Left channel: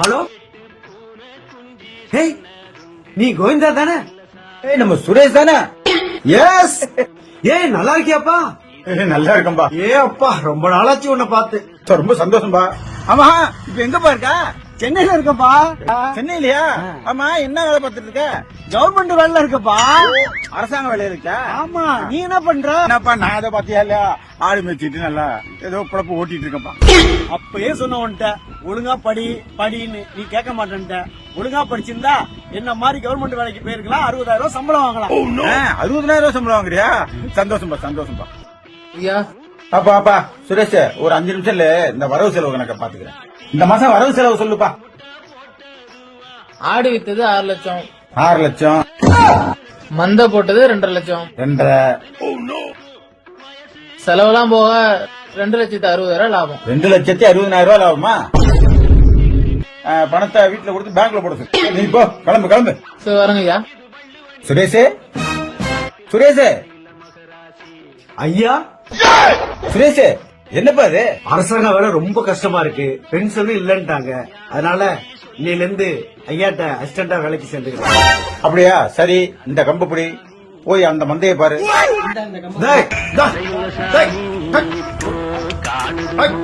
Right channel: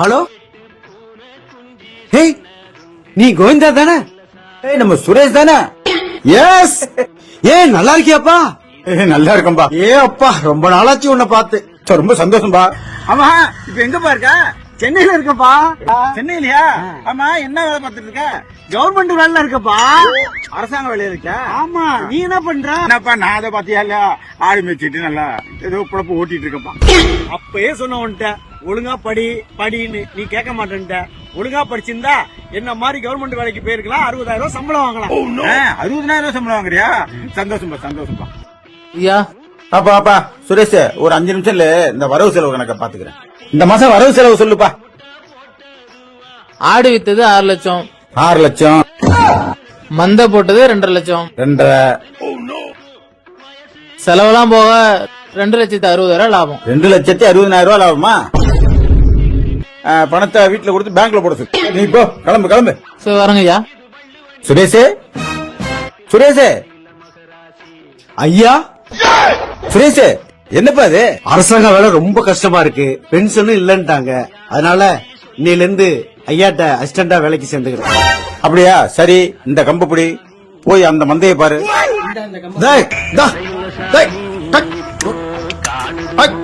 Hello, hey, நீ கோவிந்தா தானே? நம்ம சுரேஷ் தானே? எஸ். நல்லா இருக்கியாப்பா? நல்லா இருக்கம்பா. அப்பா, ரொம்ப நாளாச்சு உன்னை பார்த்து. ரொம்ப சந்தோஷம்பா. ஆமா, இப்ப எங்கப்பா இருக்க? சென்னையில இருக்கப்பா. சென்னையிலயா? ஆமா, என்ன வேலை பார்த்துட்டு இருக்க? கவர்மெண்ட் வேலைல இருக்கப்பா. அரசாங்க வேலையில இருக்க? ஆமா. நீ என்ன பண்ற? என்னப்பா நான் அதை பாத்தியா இல்லையா? ஆடு மேய்ச்சிட்டு நல்லா ஏதோ குழப்ப ஊட்டிட்டு இருக்கப்பா. அப்பயே சொன்ன உன்ட்ட ஒழுங்கா படின்னு நீ கேட்க மாட்டேன்ட்ட. ஒழுங்கா படிச்சிருந்தா என்ன மாதிரி கவர்மெண்ட் வேலைக்கு போயிருக்கலாம், 60,000 சம்பளம் வாங்கலாம். 60,000 சம்பளம் வாங்குறியா? சந்தோஷம்பா, சந்தோஷம்பா. ஐயா, அப்பா சுரேஷ், ஒரு 5 நிமிஷம்ல இந்த வரவு செலவு கணக்க பாத்துக்கிறேன். இந்த மாசம் வரவு செலவு சொல்லுப்பா. ஆடு வித்தது 6 லட்சம், 6 லட்சம், மந்தை போட்டது 2.5 லட்சம், 2.5, செலவெல்லாம் போக 2,60,000 லாபம். 2,60,000 லாபமா? பணத்தை வீட்டுல கொடுத்து பேங்க்ல போட சொல்லு. நீ போ, கிளம்பு. சரி, வரங்க ஐயா. சுரேஷே, ஐயா, சுரேஷ், என்னப்பா இது? அரசாங்க வேலை ரொம்ப கஷ்டமா இருக்கு. பென்ஷனும் இல்லன்ட்டாங்க. அதனால இன்னையில இருந்து ஐயாட்ட அசிஸ்டண்டா வேலைக்கு சேர்ந்துக்கிறேன். அப்படியா? சரி, இந்த கம்பு பிடி, போய் அந்த மந்தையை பாரு. டேய், டேய், டேய், டேய்.